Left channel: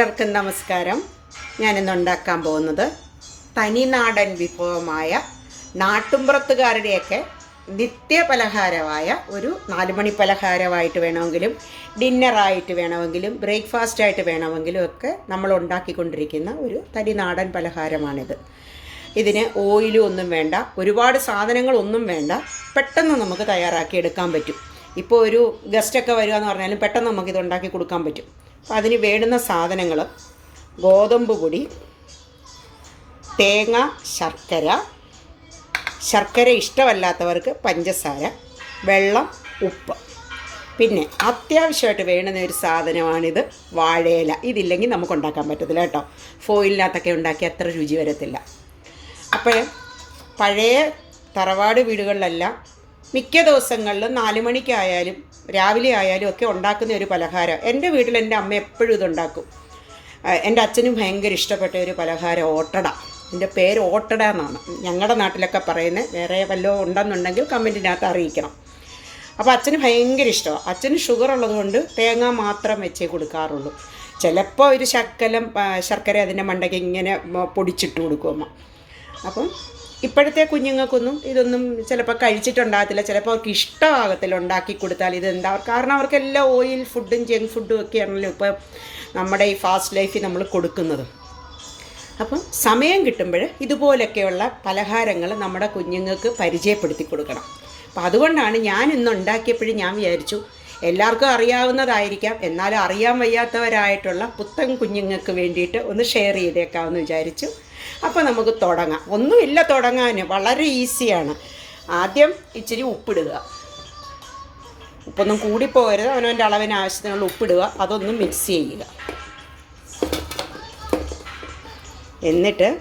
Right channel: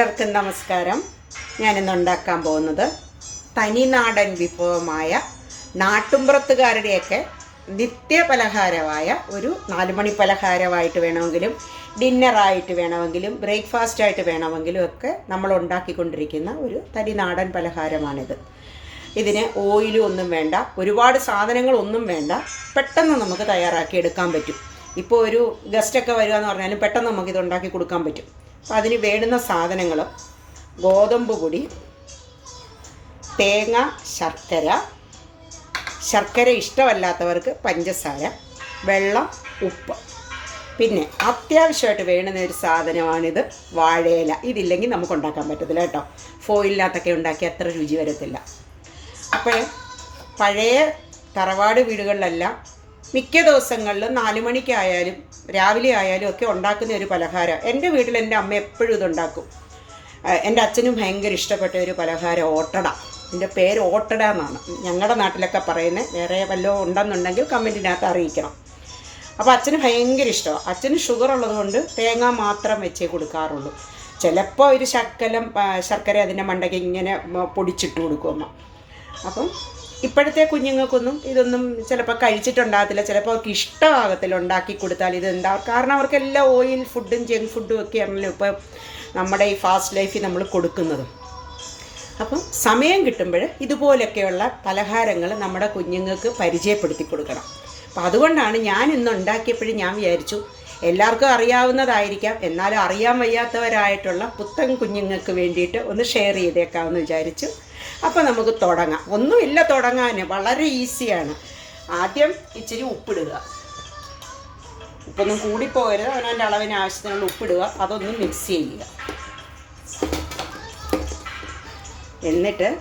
എല്ലാവർക്കും നമസ്കാരം. ഞാനിന്ന് ഉണ്ടാക്കാൻ പോകുന്നത് തനിനാടൻ വിഭവമായ നാട്ടുമ്പുറത്തുകാരുടെയൊക്കെ നിത്യ പലഹാരമായ ഒരു നാലുമണി പലഹാരമായിട്ട് വേണമെങ്കിലും ഡിന്നറായിട്ട് വേണമെങ്കിലും ബ്രേക്ക്ഫാസ്റ്റ് ആയിട്ട് വേണമെങ്കിലും ഒക്കെ നമ്മൾ ഉണ്ടാക്കിക്കൊണ്ടിരിക്കുന്ന ഒരു തനിനാടൻ പലഹാരമാണിത്. ഇതിന് ഓയിലും ഒന്നും വേണ്ട ഒരുപാട് സാധനങ്ങളൊന്നും വേണ്ട പെട്ടെന്ന് നമുക്ക് തയ്യാറാക്കി എടുക്കാൻ പറ്റും. ഇപ്പോൾ ഒരു ഗസ്റ്റൊക്കെ വരിക എന്ന് പറഞ്ഞാലും പെട്ടെന്ന് നമുക്കിത് ഉണ്ടാക്കി കൊടുക്കാൻ പറ്റും. അതിന് വേണ്ടുന്ന സാധനങ്ങൾ ഗോതമ്പ് പൊടി തേങ്ങ ശർക്കര ശർക്കര ഇഷ്ടമല്ലാത്തവർക്ക് പഞ്ചസാര വെള്ളം ഉപ്പ്. പിന്നെ അത്യാവശ്യമായിട്ട് വേണ്ടുന്ന ഒരു സാധനമാണിത് വാഴയില. ഇതില്ലെങ്കിൽ നമുക്ക് ഉണ്ടാക്കാൻ പറ്റത്തില്ല കേട്ടോ. ഫോയിലിനകത്തൊക്കെ ഉണ്ടാക്കി അത്ര രുചി വരത്തില്ല. അപ്പോൾ പഴയ തറവാട് വീടുകളിലെല്ലാം മിക്ക ദിവസങ്ങളിലും നാല് മണിക്കായാലും രാവിലെ ആയാലും ഒക്കെ ഉണ്ടാക്കുന്ന ഒരു പലഹാരം. എന്റെ വീട്ടിൽ എന്റെ അമ്മ എപ്പോഴും ഇതുണ്ടാക്കും. എന്റെ അച്ഛനും ഭയങ്കര ഇഷ്ടപ്പെട്ട ഒരു പലഹാരം ഓട്ടട. എന്റെ പേര് ഓട്ടട എന്നാണ്. ഞങ്ങളുടെ നാട്ടിലൊക്കെ പറയുന്നത്. വേറെ വല്ലതും ഉണ്ടെന്നുണ്ടെങ്കിൽ കമന്റിനകത്ത് അറിയിക്കണം. അപ്പോൾ അച്ഛന് ഭയങ്കര ഇഷ്ടമാണ്. അച്ഛന് ഷുഗർ ഉള്ളതുകൊണ്ട് തേങ്ങ മാത്രം വെച്ചേ കൊടുക്കാറുള്ളൂ. ചിലപ്പോൾ ഒരു ശക്കലം ശർക്കര അതിന്റെ മണ്ടയ്ക്ക് ഇങ്ങനെ പൊടിച്ചിട്ട് കൊടുക്കും അമ്മ. അപ്പം ഇപ്പോഴത്തെ കുഞ്ഞുങ്ങൾക്കൊന്നും ഇതൊന്നും ചിലപ്പോൾ കഴിച്ചിട്ടുണ്ടാകത്തില്ല ചിലപ്പോൾ അവർക്ക് ഇഷ്ടമാകത്തില്ല ഉണ്ടാക്കി കൊടുത്താൽ ഇത് ഉണ്ടാവും കാരണം അവർക്കെല്ലാം ഓയിൽ ഫുഡും ജങ്ക് ഫുഡും ഒക്കെയാണല്ലോ ഇപ്പോൾ നമ്മുടെ ഈ ഫാസ്റ്റ് ലൈഫിൽ നമ്മൾ കൊടുക്കുന്നത്. അപ്പം സമയം കിട്ടുമ്പോൾ ഇതുപോലൊക്കെയുള്ള പലഹാരങ്ങൾ നമ്മുടെ കുഞ്ഞുങ്ങൾക്ക് പരിചയപ്പെടുത്തി കൊടുക്കണം. അപ്പം അതുകൊണ്ടാണ് ഞാൻ ഇന്ന് ഉണ്ടാക്കിയപ്പോഴും ഞാൻ വിചാരിച്ചു എല്ലാവർക്കും അറിയാവുന്നതായിരിക്കാം എന്നാലും അറിയാൻ വയ്യാത്തവരായിട്ടുള്ള പുത്തൻ കുഞ്ഞുങ്ങൾക്ക് വേണ്ടിയിട്ട് ഒന്ന് ഷെയർ ചെയ്തേക്കാമെന്ന് വിചാരിച്ചു. അപ്പോൾ നമുക്ക് തുടങ്ങാം. ഒന്നുമില്ല തുടങ്ങാൻ വളരെ ഈസിയാണ്. ആദ്യം ഇച്ചിരി ഉപ്പിടുക. ഉപ്പൊന്നും കൂടിപ്പോകരുത്. അവനവന്റെ അളവിന് ആവശ്യത്തിനുള്ള ഉപ്പിടുക. അതൊന്നും മിക്സ് ചെയ്യുക. എന്നിട്ട്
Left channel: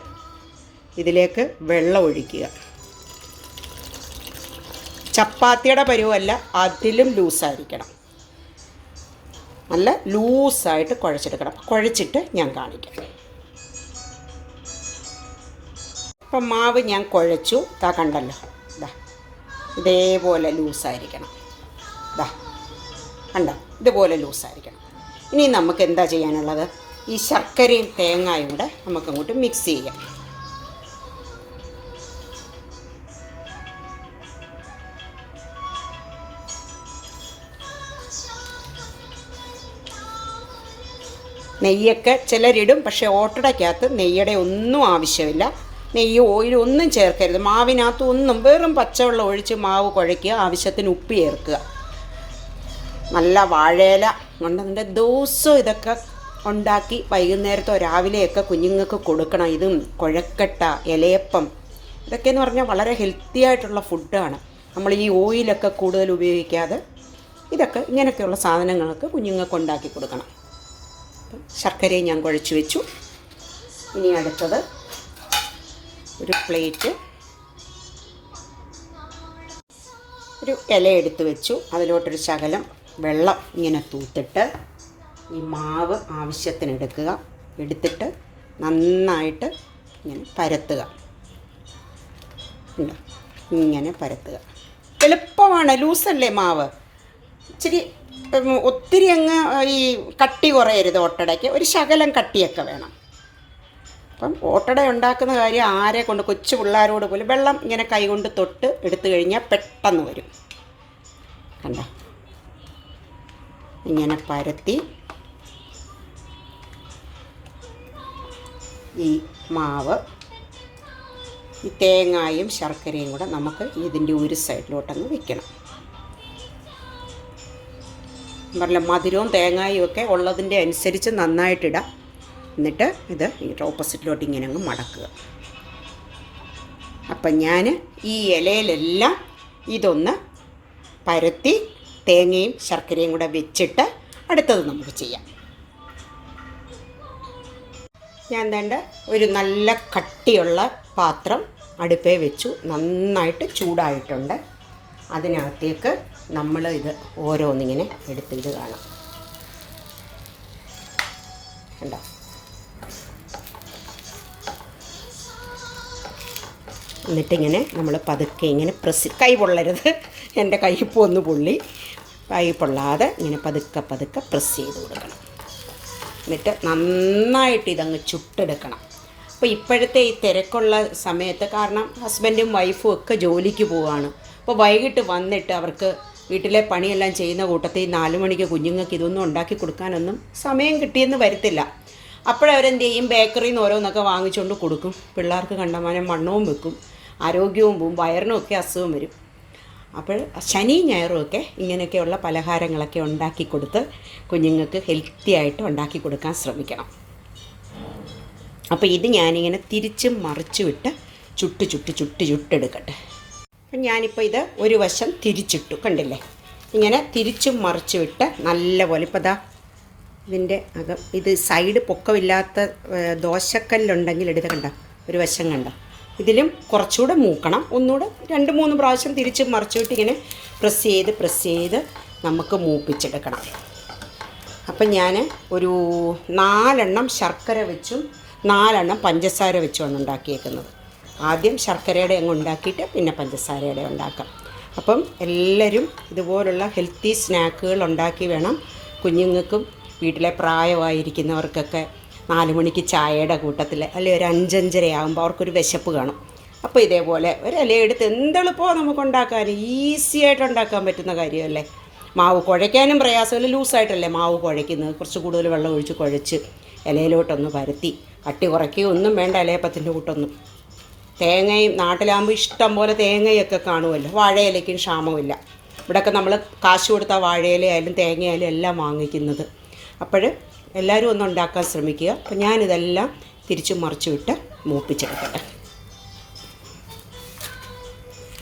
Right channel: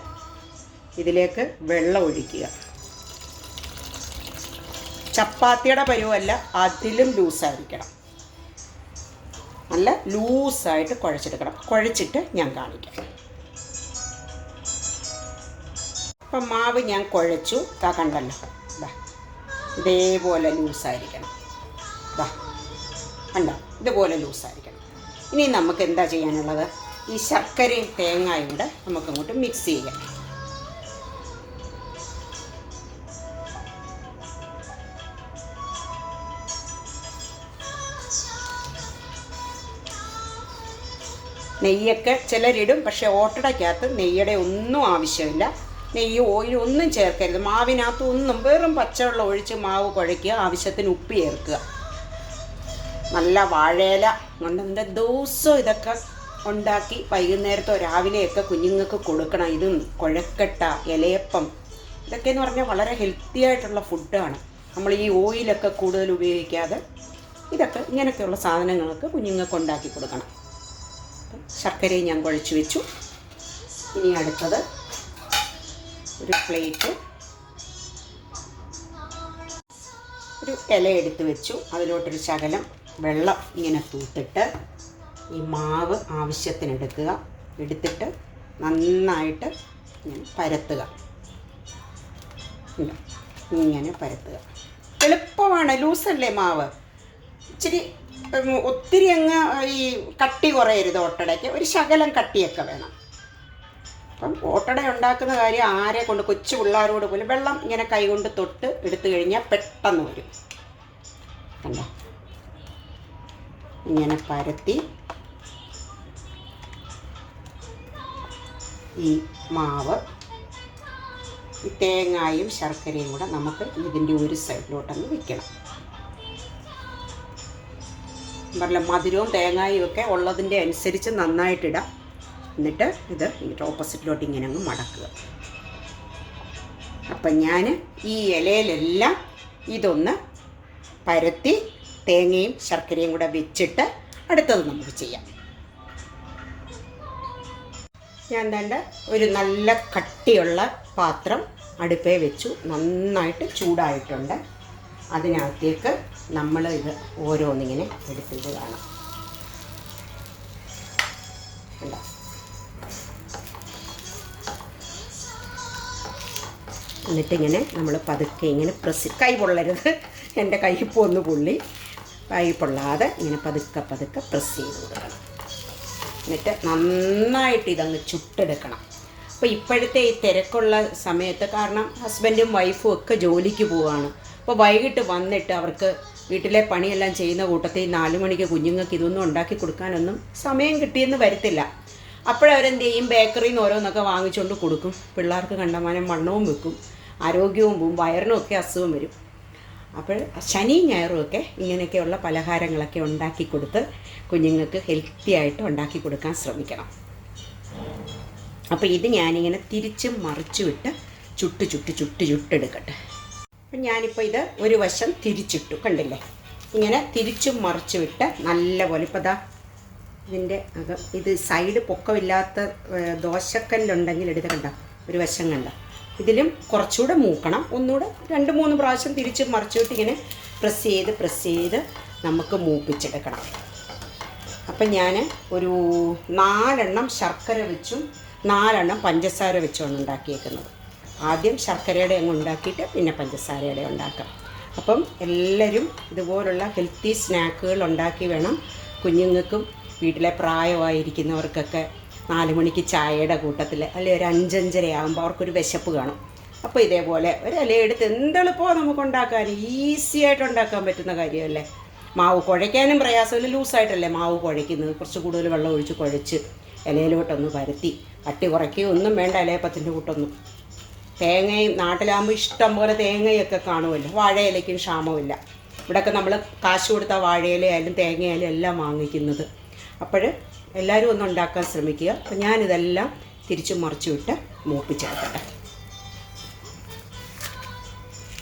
ഇതിലേക്ക് വെള്ളം ഒഴിക്കുക. ചപ്പാത്തിയുടെ പരുവല്ല അതിലും ലൂസായിരിക്കണം നല്ല ലൂസായിട്ട് കുഴച്ചെടുക്കണം. കുഴച്ചിട്ട് ഞാൻ കാണിക്കാം. അപ്പം മാവ് ഞാൻ കുഴച്ചു. ഇതാ കണ്ടല്ലോ. ഇതാ ഇതേപോലെ ലൂസായിരിക്കണം ഇതാ കണ്ടോ? ഇതുപോലെ ലൂസായിരിക്കണം ഇനി നമുക്ക് എന്താ ചെയ്യാനുള്ളത്? ഈ ശർക്കരയും തേങ്ങയും കൂടെ നമുക്കങ്ങോട്ട് മിക്സ് ചെയ്യാം. നെയ്യൊക്കെ ചിലരിടും പക്ഷേ ഓട്ടടയ്ക്കകത്ത് നെയ്യുടെ ഒന്നും ആവശ്യമില്ല. നെയ്യ് ഓയിൽ ഒന്നും ചേർക്കരുത്. മാവിനകത്ത് ഒന്നും വെറും പച്ചവെള്ളം ഒഴിച്ച് മാവ് കുഴയ്ക്കുക ആവശ്യത്തിന് ഉപ്പ് ചേർക്കുക. നല്ല വാഴയില കൊണ്ട് എന്റെ ദിവസവും ഇതൊക്കെ ഉണ്ടാക്കി വൈകുന്നേരത്തോ രാവിലെയൊക്കെ കുഞ്ഞുങ്ങൾക്ക് കൊടുക്കണം. ഇതും കുഴക്കട്ട ഇലയപ്പം ഇതൊക്കെ എന്ന് പറഞ്ഞാൽ വളരെ ഹെൽത്തി ആയിട്ടുള്ള ഫുഡാണ് നമ്മൾ ഈ ഓയിലൊക്കെ കൂടുതൽ ഉപയോഗിക്കാതെ ഇതൊക്കെ ഇങ്ങനെയൊക്കെയുള്ള സാധനങ്ങളൊക്കെ കുഞ്ഞുങ്ങൾക്ക് ഉണ്ടാക്കി കൊടുക്കണം. ശർക്കരയും ഞാൻ കുഴച്ച് വെച്ചു. ഇനി അടുത്തത് ഒരു പ്ലേറ്റ് ഒരു ഇല എടുത്ത് വെച്ചു. അതിലോട്ടൊരു ശകലം വെള്ളം ഇങ്ങനെ തൂത്തിട്ട് ഈ മാവ് ആവശ്യത്തിന് എടുക്കുക എടുത്തിട്ട് നന്നായിട്ട് ഇങ്ങനെ പരത്തുക. ഇങ്ങനെ പരത്തുക. എളുപ്പമാണ്. ലൂസല്ലേ മാവ്? ഇച്ചിരി ഒത്തിരി അങ്ങ് ഈ കട്ടി കുറയരുത് ഓട്ടടയ്ക്ക്. ഒരു ശകലം കട്ടിയൊക്കെ വേണം. അപ്പം ഓട്ടട ഉണ്ടാക്കുന്ന കാര്യം ആരെ കൊണ്ട് കൊച്ചു പിള്ളേരോട് പോലും വെള്ളം ഇങ്ങനെ കൈകൊണ്ട് തൊട്ട് എടുത്തു കഴിഞ്ഞാൽ പെട്ടെന്ന് വരും. കണ്ടോ? ഇങ്ങനെ പരത്തി ഈ മാവ് ഈ തേങ്ങായും ശർക്കരയും കൂടെ നമുക്ക് ഇതിന്റെ ഒരു സൈഡിലോട്ടങ്ങ് വെക്കണം. പറഞ്ഞ മധുരവും തേങ്ങായും ഒക്കെ ഉള്ളതിന്റെ അനുസരിച്ച് നന്നായിട്ടിടാം എന്നിട്ട് ഇത് ഓപ്പോസിറ്റിലോട്ട് ഇങ്ങനെ അങ്ങ് മടക്കുക. അപ്പം ഞാൻ ഈ ഇലയിലെല്ലാം ഇതൊന്ന് പരത്തി തേങ്ങയും ശർക്കരയും കൂടെ വെച്ചിട്ട് അടുത്തത് നമുക്ക് ചെയ്യാം. ഞാൻ വേണ്ട ഒരു നല്ല കട്ടിയുള്ള പാത്രം അടുപ്പേ വെച്ചു. നന്നായിട്ട് ചൂടായിട്ടുണ്ട്. അതിനകത്തേക്ക് നമ്മൾ ഇത് ഓരോന്നിങ്ങനെ എടുത്തിട്ട് കാണാം. കണ്ടോ? എന്നിട്ടിങ്ങനെ നമ്മൾ പതുക്കെ ഇങ്ങനെ പ്രസ് കൈ പൊള്ളരുത്. എന്റെ കൈ ഒന്ന് പൊള്ളി. കൈ പൊള്ളാതെ ഇങ്ങനെ പതുക്കെ പതുക്കെ പ്രസ് ചെയ്ത് കൊടുക്കണം. എന്നിട്ട് നന്നായിട്ട് ഇതങ്ങ് ചുട്ടെടുക്കണം. അപ്പോൾ ഇപ്പോഴത്തെ ഈ തിരക്കുള്ള സമയത്ത് കാരണം ഹസ്ബൻഡും വൈഫും ഒക്കെ ജോലിക്ക് പോവാണ്. അപ്പോൾ വൈകിട്ട് വന്നിട്ട് അവർക്ക് വീട്ടിലെ പണിയെല്ലാം ചെയ്യുന്ന കൂട്ടത്തിൽ നാല് മണിക്ക് കുഞ്ഞുങ്ങൾക്ക് ഇതൊന്നും ഉണ്ടാക്കി കൊടുക്കാനൊന്നും സമയം കിട്ടിയെന്ന് വരത്തില്ല. അപ്പോഴവരെന്ത് ചെയ്യും? ബേക്കറിയിൽ നിന്ന് ഓരോന്നൊക്കെ വാങ്ങിച്ചുകൊണ്ട് കൊടുക്കും. പിള്ളേർക്ക് കണ്ടമാനം വണ്ണവും വെക്കും. ആരോഗ്യവും പോവും വയറിനും ഒക്കെ അസുഖം വരും. അപ്പോൾ ശനി ഞായറും ഒക്കെ ഇങ്ങനെയൊക്കെയുള്ള പലഹാരങ്ങളൊക്കെ ഉണ്ടാക്കി കൊടുത്ത് കുഞ്ഞുങ്ങൾക്ക് ഹെൽത്തി ആയിട്ട് ഉണ്ടാക്കി കൊടുക്കാൻ ശ്രമിക്കണം. അപ്പോൾ ഇത് ഞാനിങ്ങനെ തിരിച്ചും മറിച്ചു വിട്ട് ചുട്ട് ചുട്ട് ചുട്ട് ചുട്ടെടുക്കട്ടെ അപ്പം ഞാനിപ്പോൾ ഇത് ഒരു വശം തിരിച്ചിട്ടു കണ്ടില്ലേ? ഇങ്ങനെ തിരിച്ചും മറിച്ചു വിട്ട് നല്ല പോലെ ഇപ്പോൾ ദാ ഇതിന്റെ അകം ഇത് സൈഡ് പൊക്കമില്ലാത്ത ദോശക്കല്ലുണ്ടെങ്കിൽ എടുത്ത് കണ്ട? ഒരു വശം കണ്ട? ഇതിലും കുറച്ചുകൂടെ മൂക്കണം. ഒന്നുകൂടെ രണ്ട് മൂന്ന് പ്രാവശ്യം തിരിച്ച് മറിച്ചിട്ട് ഇങ്ങനെ പ്രസ് ചെയ്ത് പ്രസ് ചെയ്ത് നമുക്ക് മൂപ്പിച്ചെടുക്കണം. അപ്പം ഞാൻ ഒരു നാലെണ്ണം ശർക്കര വെച്ചും. നാലെണ്ണം പഞ്ചസാര വെച്ചുമാണ് ഉണ്ടാക്കിയേക്കുന്നത്. ആദ്യം ശർക്കരയുടെ അങ്ങ് ഉണ്ടാക്കിയിട്ട് പിന്നെ പഞ്ചസാരയുടെ ഉണ്ടാക്കാം. അപ്പം എല്ലാവരും ഇതുപോലുള്ള ഹെൽത്തി സ്നാക്കുകൾ ഉണ്ടാക്കി വേണം. കുഞ്ഞുങ്ങൾക്കും വീട്ടിലെ പ്രായമായിരിക്കുന്നവർക്കൊക്കെ നാല് മണിക്ക് ചായയുടെ കൂട്ടത്തിൽ അല്ലെങ്കിൽ ഒരു അഞ്ചഞ്ചര ആകുമ്പോൾ അവർക്കൊരു വിശപ്പ് കാണും. അപ്പോൾ ഇതേപോലെ ഒരു ഇല എടുത്ത് എന്തെളുപ്പമോ നമുക്ക് ഉണ്ടാക്കാൻ ഈസി ആയിട്ട് ഉണ്ടാക്കാൻ പറ്റുന്ന കാര്യമല്ലേ? മാവ് കുഴയ്ക്കാനും പ്രയാസമില്ല ലൂസായിട്ടല്ലേ മാവ് കുഴയ്ക്കുന്നത്? കുറച്ച് കൂടുതൽ വെള്ളം ഒഴിച്ച് കുഴച്ച് ഇലയിലോട്ടൊന്ന് പരത്തി. കട്ടി കുറയ്ക്കുകയോ ഒന്നും വേണ്ട ഇലയപ്പത്തിന്റെ കൂട്ടൊന്നും. തേങ്ങയും നാട്ടിലാകുമ്പോൾ ഇഷ്ടം പോലെ തേങ്ങയൊക്കെ കാണുമല്ലോ. വാഴയിലയ്ക്കും ക്ഷാമമില്ല. ഇവിടെയൊക്കെ നമ്മൾ കാശ് കൊടുത്താൽ വാഴയിലയായാലും തേങ്ങയായാലും എല്ലാം വാങ്ങിക്കുന്നത്. അപ്പോൾ എല്ലാവരും ഒന്ന് ഉണ്ടാക്കാൻ ശ്രമിക്കുക. അപ്പോൾ ഞാനിതെല്ലാം തിരിച്ചു മറിച്ചു വിട്ട് മൂപ്പിച്ചെടുക്കട്ടെ.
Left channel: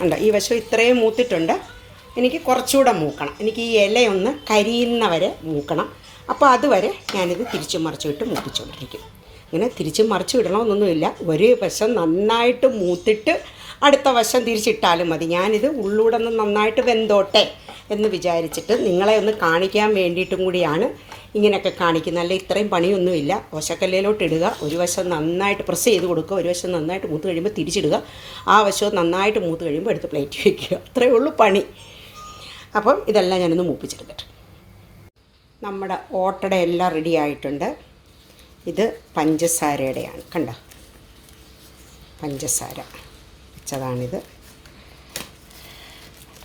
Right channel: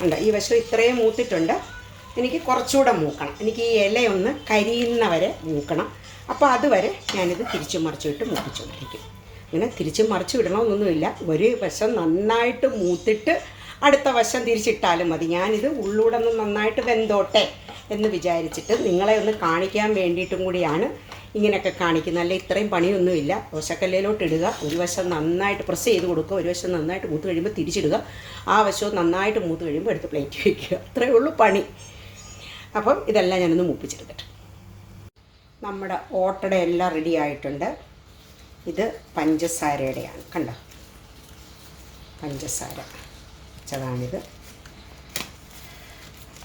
ഉണ്ട് ഈ വശം ഇത്രയും മൂത്തിട്ടുണ്ട്. എനിക്ക് കുറച്ചുകൂടെ മൂക്കണം. എനിക്ക് ഈ ഇലയൊന്ന് കരിയുന്നവരെ മൂക്കണം. അപ്പോൾ അതുവരെ ഞാനിത് തിരിച്ചു മറിച്ചു വിട്ട് മൂപ്പിച്ചുകൊണ്ടിരിക്കും ഇങ്ങനെ തിരിച്ച് മറിച്ചു വിടണമെന്നൊന്നുമില്ല. ഒരു വശം നന്നായിട്ട് മൂത്തിട്ട് അടുത്ത വശം തിരിച്ചിട്ടാലും മതി. ഞാനിത് ഉള്ളൂടെ ഒന്ന് നന്നായിട്ട് വെന്തോട്ടെ എന്ന് വിചാരിച്ചിട്ട് നിങ്ങളെ ഒന്ന് കാണിക്കാൻ വേണ്ടിയിട്ടും കൂടിയാണ് ഇങ്ങനെയൊക്കെ കാണിക്കുന്നത് അല്ല ഇത്രയും പണിയൊന്നുമില്ല. ഓശക്കല്ലയിലോട്ട് ഇടുക. ഒരു വശം നന്നായിട്ട് പ്രസ് ചെയ്ത് കൊടുക്കുക. ഒരു വശം നന്നായിട്ട് മൂത്ത് കഴിയുമ്പോൾ തിരിച്ചിടുക. ആ വശവും നന്നായിട്ട് മൂത്ത് കഴിയുമ്പോൾ എടുത്ത് പ്ലേറ്റ് വയ്ക്കുക അത്രയേ ഉള്ളൂ പണി. അപ്പം ഇതെല്ലാം ഞാനൊന്ന് മൂപ്പിച്ചെടുക്കട്ടെ നമ്മുടെ ഓട്ടട എല്ലാം റെഡി ആയിട്ടുണ്ട്. ഇത് പഞ്ചസാരയുടെയാണ്. കണ്ട? പഞ്ചസാര വെച്ചതാണിത്.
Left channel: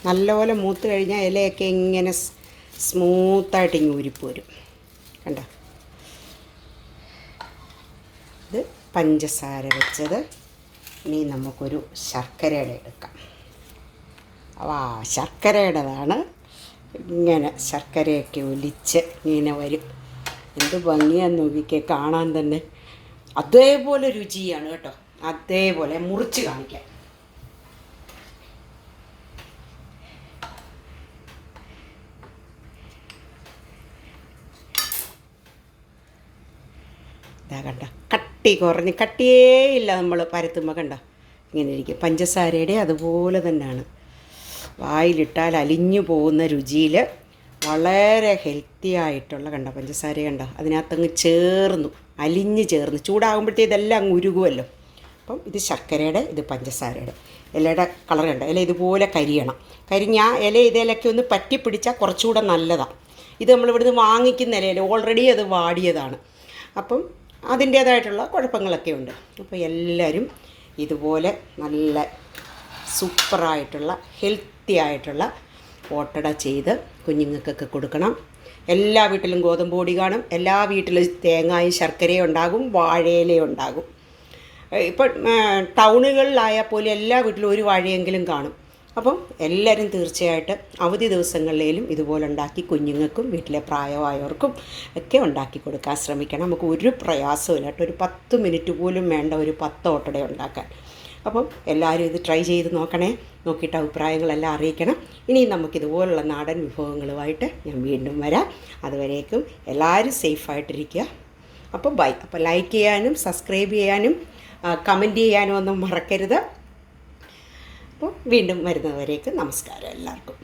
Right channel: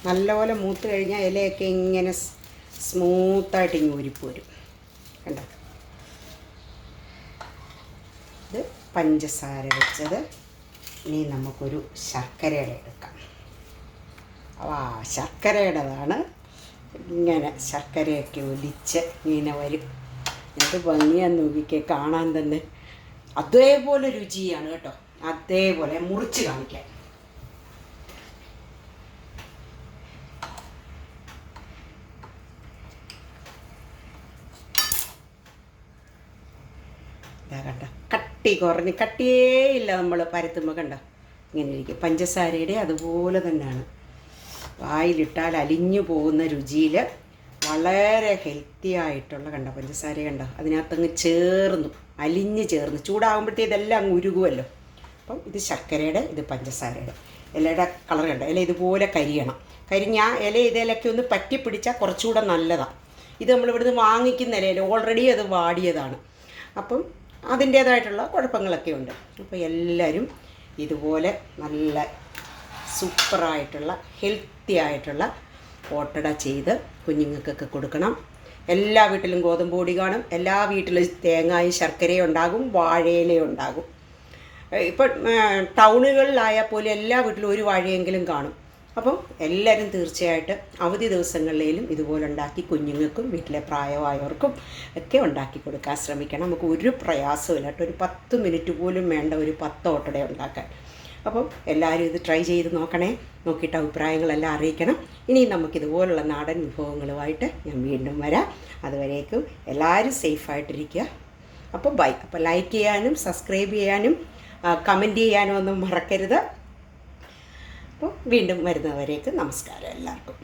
നല്ലപോലെ മൂത്ത് കഴിഞ്ഞാൽ ഇലയൊക്കെ ഇങ്ങനെ സ്മൂത്തായിട്ട് ഇങ്ങനെ ഉരിപ്പ് കണ്ട? ഇത് പഞ്ചസാര വെച്ചത് ഇനി നമുക്കൊരു ശർക്കരയുടെ എടുക്കാം. ആ ശർക്കരയുടേതാണ് ഇങ്ങനെ ശർക്കരയൊക്കെ ഒലിച്ച് ഇങ്ങനെ വരും. എന്ത് ഭംഗിയാന്ന് നോക്കിക്കേ കാണാൻ തന്നെ. അതേപോലെ രുചിയാണ് കേട്ടോ. അതേപോലെ മുറിച്ച് കാണിക്കാൻ ഇതാ കണ്ട? കട്ടി കുറഞ്ഞ് കട്ടിയേ ഇല്ല നമ്മൾ പരത്തുമ്പോൾ കണ്ട? ഇങ്ങനെ ഇരിക്കും. പഞ്ചസാരയുടെ അതുപോലെ തന്നെയാണ്. വായിലിട്ടാൽ അലിഞ്ഞു പോകുന്ന രുചിയിൽ വളരെ ഹെൽത്തി ആയിട്ടുള്ള കണ്ട പഞ്ചസാര കണ്ട? അതിനകത്തങ്ങ് ചേർന്നു അലിഞ്ഞ് ചേർന്ന്. ചൂടാകുമ്പോഴത്തേ ഇതെല്ലാം അങ്ങ് ഉരുകുമല്ലോ അപ്പം ഇത് ശർക്കരയുടെ ഇത് പഞ്ചസാരയുടെ. ഇലയുടെ കളർ ഇല ഇതുപോലെ കരിയണം. കരിഞ്ഞ ഇല ഇതിലൊക്കെ ഒന്ന് പറ്റി പിടിച്ചാൽ കുറച്ചുകൂടെ നല്ലതാണ് ഇത് നമ്മൾ ഇവിടുന്ന് വാങ്ങിക്കുന്ന ഇലയിൽ ഓൾറെഡി അത് വാടിയതാണ്. അപ്പം അതിന്റേതായിട്ടുള്ള കുഴപ്പങ്ങളൊക്കെ ഉണ്ട് അപ്പോൾ എല്ലാവരും ഇതുപോലെ നല്ല സൂപ്പറായിട്ടുള്ള ഹെൽത്തി ആയിട്ടുള്ള ഓട്ടട ചെയ്ത് കുഞ്ഞുങ്ങൾക്കൊക്കെ കൊടുക്കണം. എല്ലാ വീട്ടിലും ഗോതമ്പ് പൊടി കാണും. എല്ലാ വീട്ടിലും തേങ്ങായും ശർക്കരയും ഉണ്ടാകും വാഴയിലയും ഉണ്ടാകും. ഇപ്പം ടൗണുകളിലായാൽ പോലും എല്ലാ വീട്ടിലും ഒരു വാഴയെങ്കിലും കാണും. അപ്പം എല്ലാവരും തീർച്ചയായിട്ടും അവധി ദിവസങ്ങളിലും ഇതുപോലെ ഉണ്ടാക്കി കുഞ്ഞുങ്ങൾക്കും വീട്ടിലെ പ്രായമായവർക്കും ഒക്കെ ഉണ്ടാക്കി കൊടുക്കാൻ ശ്രമിക്കണം. നമുക്ക് ഒരു പ്രയാസമില്ല കേട്ടോ. ഒരു പത്ത് മിനിറ്റ് പോലും വേണ്ട ഒരു പത്ത് ഓട്ടട ഉണ്ടാക്കാൻ. അപ്പം എല്ലാവരും ഇത് ട്രൈ ചെയ്ത് നോക്കണേ. നോക്കിയിട്ട് അഭിപ്രായങ്ങളെല്ലാം അറിയിക്കണം. ഇനി നമുക്കിതുപോലുള്ള നാടൻ വിഭവങ്ങളുമായിട്ട് ഞാൻ വീണ്ടും വരാം. അതുവരേക്കും എല്ലാവരും സേഫായിട്ടിരിക്കുക അപ്പോൾ ബൈ അപ്പോൾ ലൈക്ക് ചെയ്യാനും സബ്സ്ക്രൈബ് ചെയ്യാനും കമന്റ് ചെയ്യാനും ഒന്നും മറക്കരുത്. അപ്പോൾ വീണ്ടും വരുന്നവരേക്ക് നമസ്കാരം എല്ലാവർക്കും.